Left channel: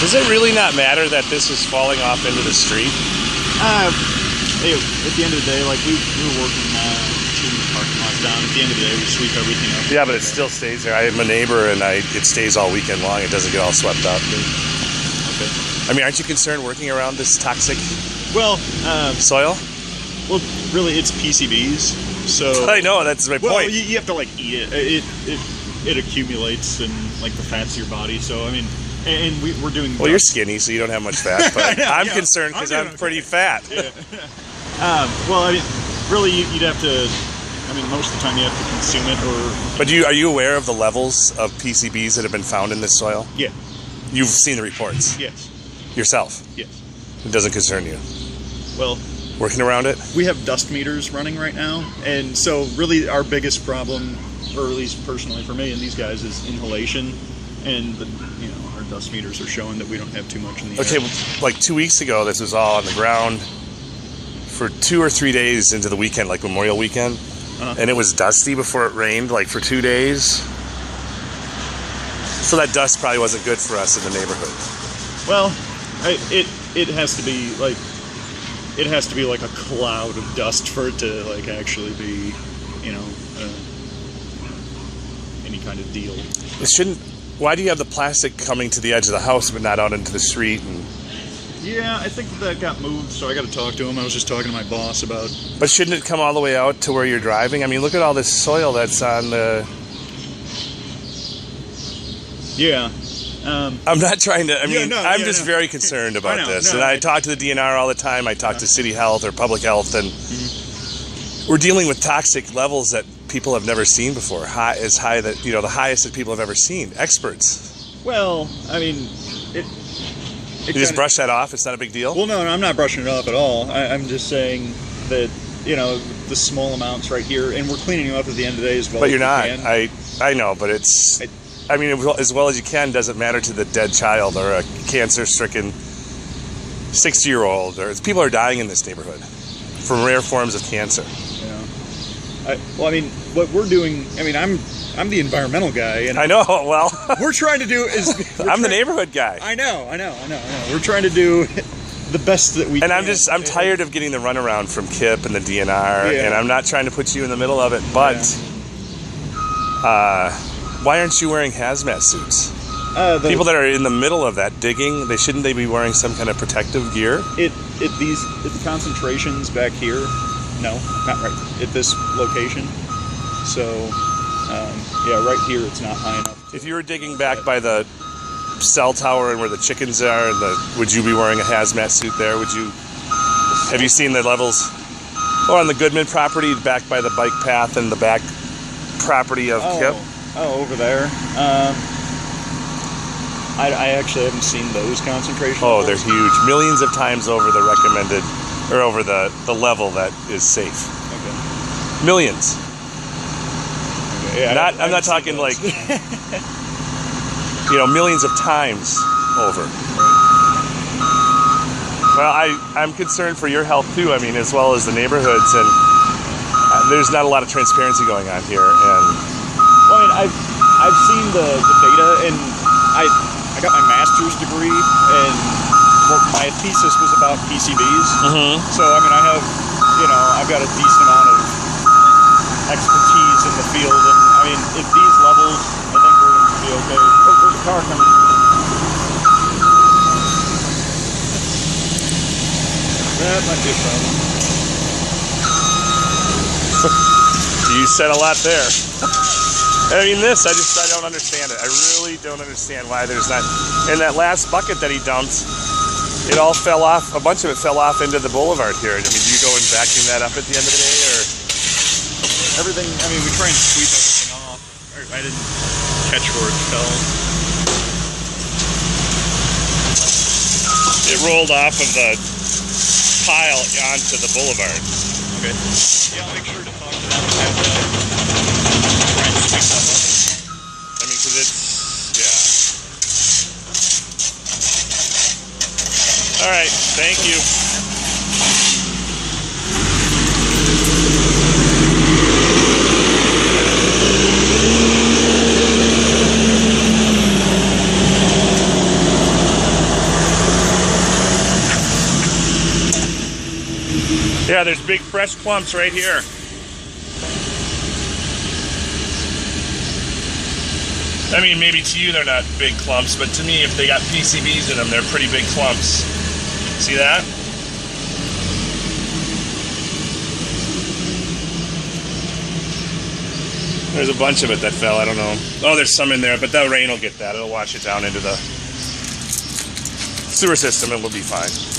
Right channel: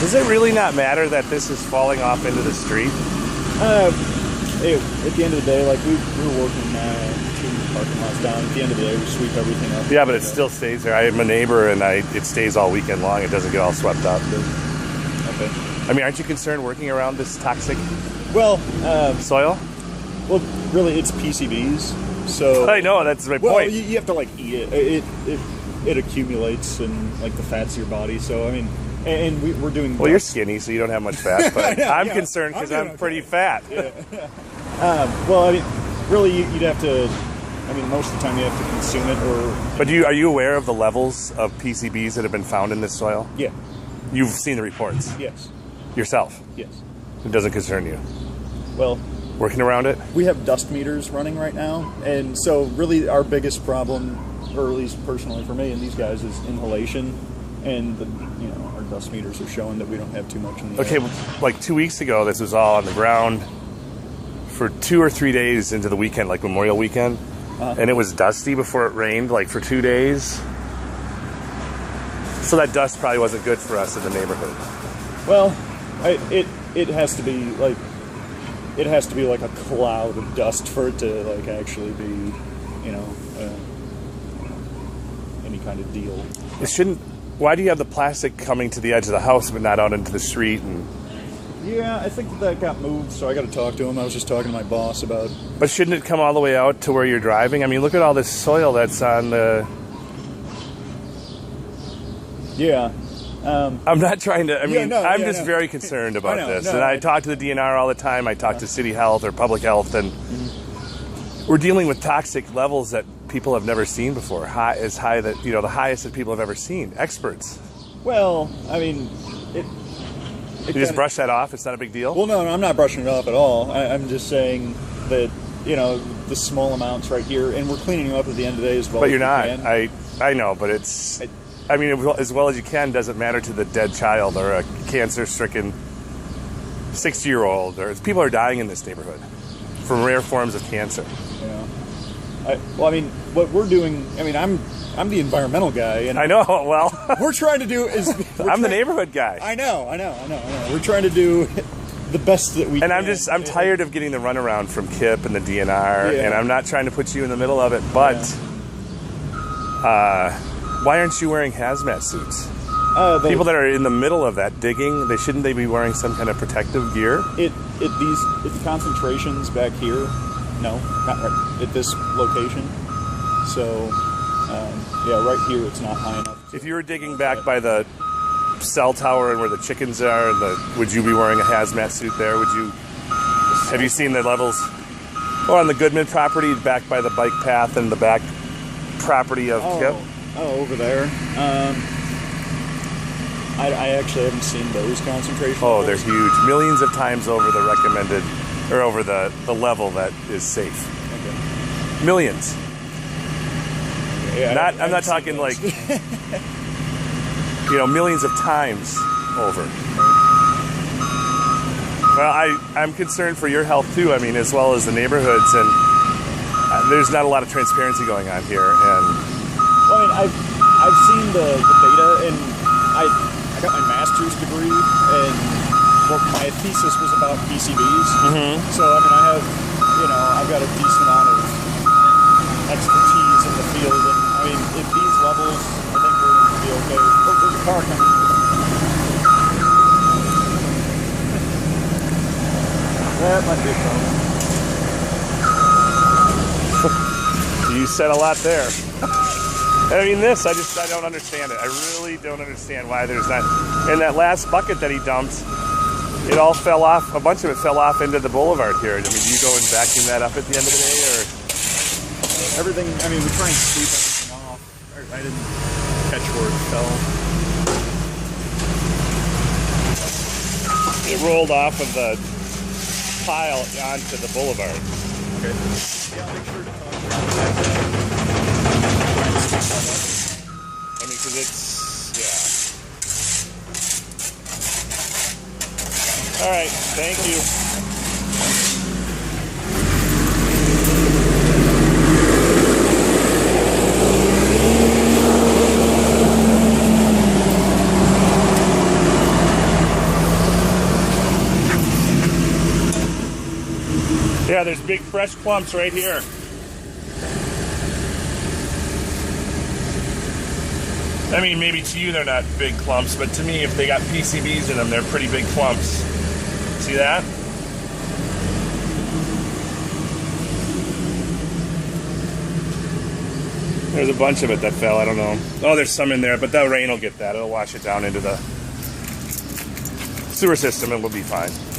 Does it really not matter that this is falling off into the street? Hey, at the end of the day, like we were working 2 parking lots down. At the end of the day, we sweep everything up. Yeah, but it still stays there. I am a neighbor, and it stays all weekend long. It doesn't get all swept up. Okay. I mean, aren't you concerned working around this toxic soil? Well, really, it's PCBs. So I know, that's my point. You have to like eat it. It accumulates in like the fats of your body. So I mean, and we're doing. Well, you're skinny, so you don't have much fat. But I'm concerned because I'm pretty fat. Yeah. Well, I mean, really, you'd have to. I mean, most of the time you have to consume it, or. But are you aware of the levels of PCBs that have been found in this soil? Yeah. You've seen the reports. Yes. Yourself. Yes. It doesn't concern you. Well. Working around it? We have dust meters running right now, and so really our biggest problem, or at least personally for me and these guys, is inhalation, and our dust meters are showing that we don't have too much in the air. Okay, like 2 weeks ago, this was all on the ground for 2 or 3 days into the weekend, like Memorial Weekend, and it was dusty before it rained, like for 2 days. So that dust probably wasn't good for us in the neighborhood. Well, it has to be like. It has to be like a cloud of dust for it to like actually be, any kind of deal. It shouldn't. Why do you have the plastic coming to the edge of the house but not out into the street? Yeah, I think that got moved, so I got to talk to him. I was just talking to my boss about. But shouldn't it come all the way out to where you're driving? I mean, look at all this soil that's on the. Yeah. I'm not trying to, I'm just very concerned about this. And I talk to the DNR all the time. I talk to City Health or Public Health, and we're dealing with toxic levels that people have never seen before. The highest that people have ever seen. Experts. Well, I mean, you just brush that off? It's not a big deal? Well, no, I'm not brushing it off at all. I'm just saying that, the small amounts right here, and we're cleaning them up at the end of the day as well. But you're not. I know, but it's... I mean, as well as you can doesn't matter to the dead child or a cancer-stricken 60-year-old. Or people are dying in this neighborhood from rare forms of cancer. Yeah. What we're doing. I'm the environmental guy, and I know. Well, we're trying to do is. I'm the neighborhood guy. I know. We're trying to do the best that we can. And I'm tired of getting the runaround from Kipp and the DNR, and I'm not trying to put you in the middle of it, but. Why aren't you wearing hazmat suits? People that are in the middle of that digging, shouldn't they be wearing some kind of protective gear? At the concentrations back here, no, not right at this location. So, right here it's not high enough. If you were digging back by the cell tower and where the chickens are, would you be wearing a hazmat suit there? Have you seen the levels? Or on the Goodman property, back by the bike path and the back property of Kipp? Oh, over there. I actually haven't seen those concentrations. Oh, they're huge. Millions of times over the recommended, or over the level that is safe. Okay. Millions. Okay, yeah, I'm not talking like, millions of times over. Well, I'm concerned for your health too. As well as the neighborhoods, and there's not a lot of transparency going on here. And well, I've seen the data, and I got my master's degree, and my thesis was about PCBs. Mm-hmm. So I have, I've got a decent amount of expertise in the field, and at these levels, I think we're going to be okay. Oh, there's a car coming. That might be a problem. You said a lot there. I don't understand it. I really don't understand why there's not. And that last bucket that he dumped, it all fell off. A bunch of it fell off into the boulevard here. Do you go and vacuum that up at the end of the day, or? Everything. We try and sweep everything off. I didn't catch where it fell. It rolled off of the pile onto the boulevard. Okay. Yeah, I'll make sure to talk to them. Because it's, All right, thank you. Yeah, there's big fresh clumps right here. I mean, maybe to you they're not big clumps, but to me, if they got PCBs in them, they're pretty big clumps. See that? There's a bunch of it that fell, I don't know. Oh, there's some in there, but the rain will get that. It'll wash it down into the sewer system and we'll be fine.